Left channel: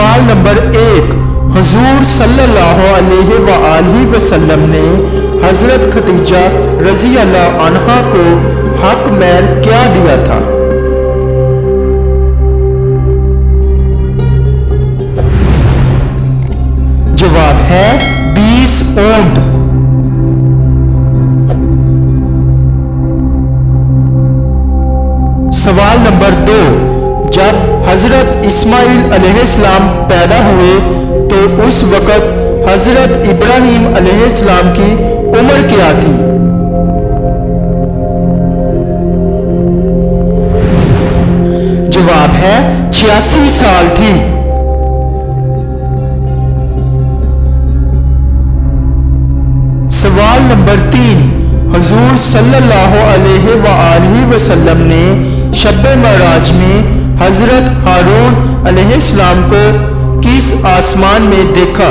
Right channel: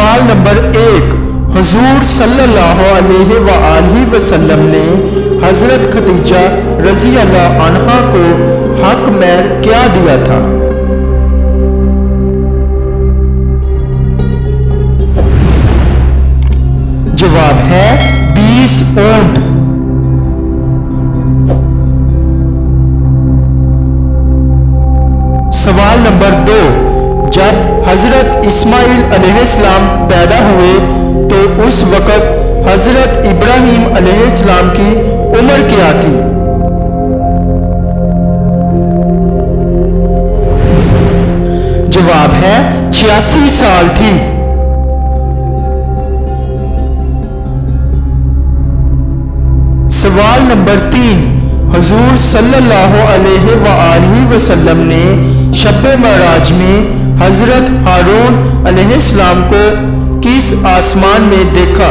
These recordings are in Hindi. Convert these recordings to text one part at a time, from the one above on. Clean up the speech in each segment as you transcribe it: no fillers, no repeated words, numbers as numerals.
सवाल नंबर 1, हुजूर सल्लल्लाहु अलैहि वसल्लम ने हजरत खदीजा रजी अल्लाह अन्हा को हक महर क्या दिया था? जवाब है 20 ऊंट। सवाल नंबर 2, जब हजरत इस्माइल अलैहिस्सलाम पैदा हुए तो उस वक़्त हजरत इब्राहीम अलैहिस्सलाम की उम्र क्या थी? जवाब है 86 साल थी। सवाल नंबर 3, हुजूर सल्लल्लाहु अलैहि वसल्लम ने शब-ए मराज में हजरत हारून अलैहिस्सलाम को किस आसमान में देखा?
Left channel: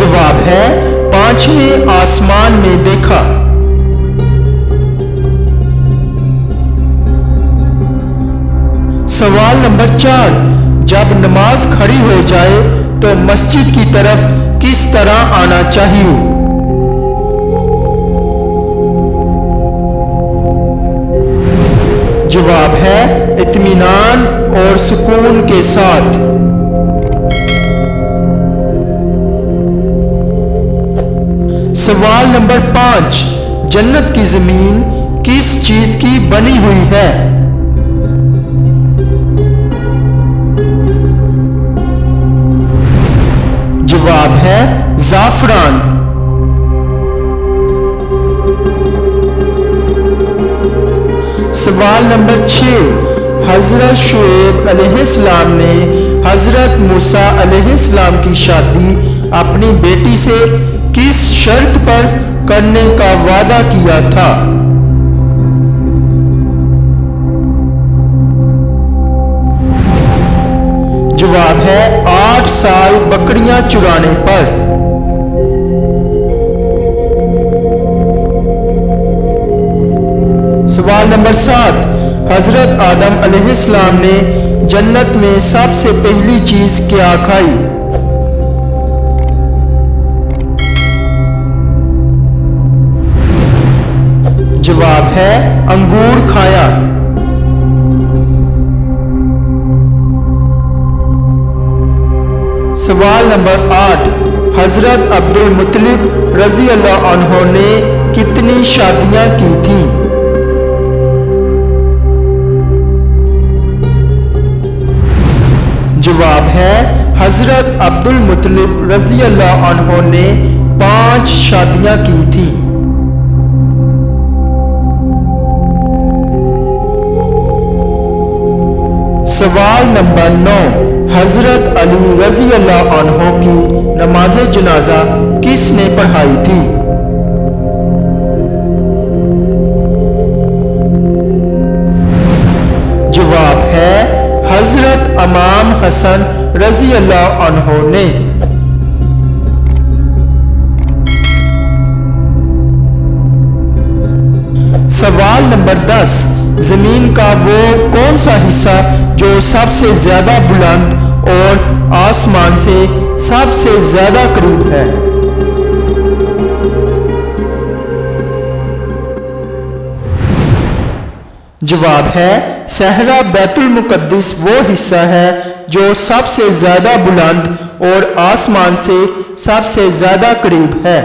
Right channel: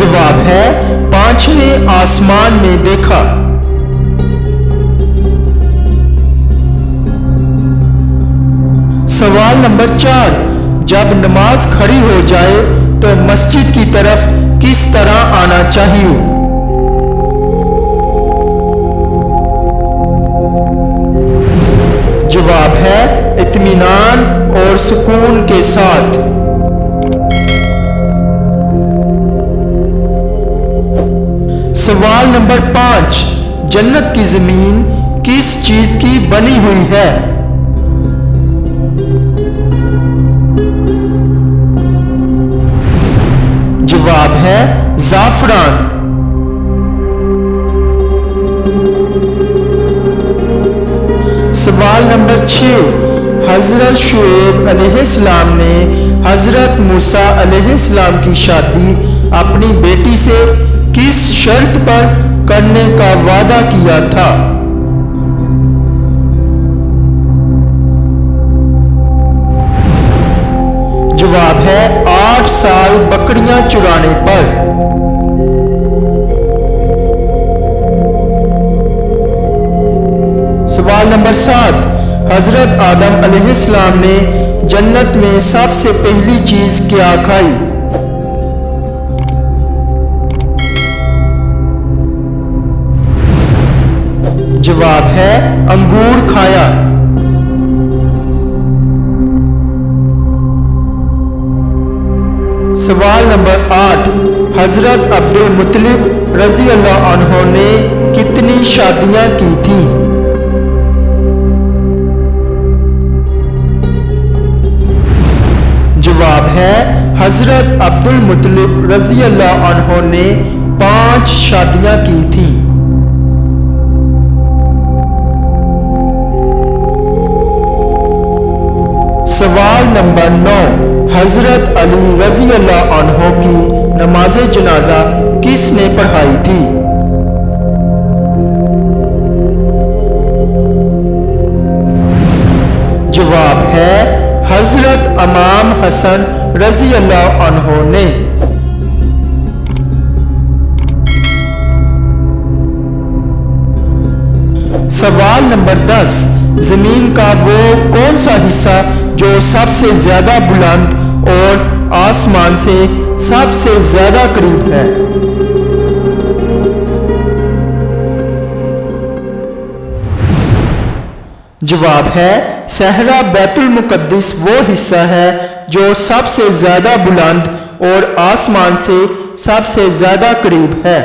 जवाब है 5वें आसमान में देखा। सवाल नंबर 4, जब नमाज खड़ी हो जाए तो मस्जिद की तरफ किस तरह आना चाहिए? जवाब है इत्मीनान और सुकून के साथ। सवाल नंबर 5, जन्नत की जमीन किस चीज की बनी हुई है? जवाब है ज़ाफ़रान। सवाल नंबर 6, हजरत शुएब अलैहिस्सलाम ने हजरत मूसा अलैहिस्सलाम की शादी अपनी बेटी से किस शर्त पर करने का वादा किया था? जवाब है 8 साल बकरियां चुराने पर। सवाल नंबर 7, हजरत आदम अलैहिस्सलाम ने जन्नत में सबसे पहली चीज क्या खाई? जवाब है अंगूर खाया। सवाल नंबर 8, हजरत अब्दुल मुत्तलिब रजी अल्लाह अन्हु ने कितनी शादियां की थीं? जवाब है हजरत अब्दुल मुत्तलिब रजी अल्लाह अन्हु ने 5 शादियां की थीं। सवाल नंबर 9, हजरत अली रजी अल्लाह अन्हु की नमाज जनाजा किसने पढ़ाई थी? जवाब है हजरत इमाम हसन रजी अल्लाह अन्हु ने। सवाल नंबर 10, जमीन का वो कौन सा हिस्सा जो सबसे ज्यादा बुलंद और आसमान से सबसे ज्यादा करीब है? जवाब है सहरा बैतुल मुकद्दिस वो हिस्सा है जो सबसे ज्यादा बुलंद और आसमान से सबसे ज्यादा करीब है।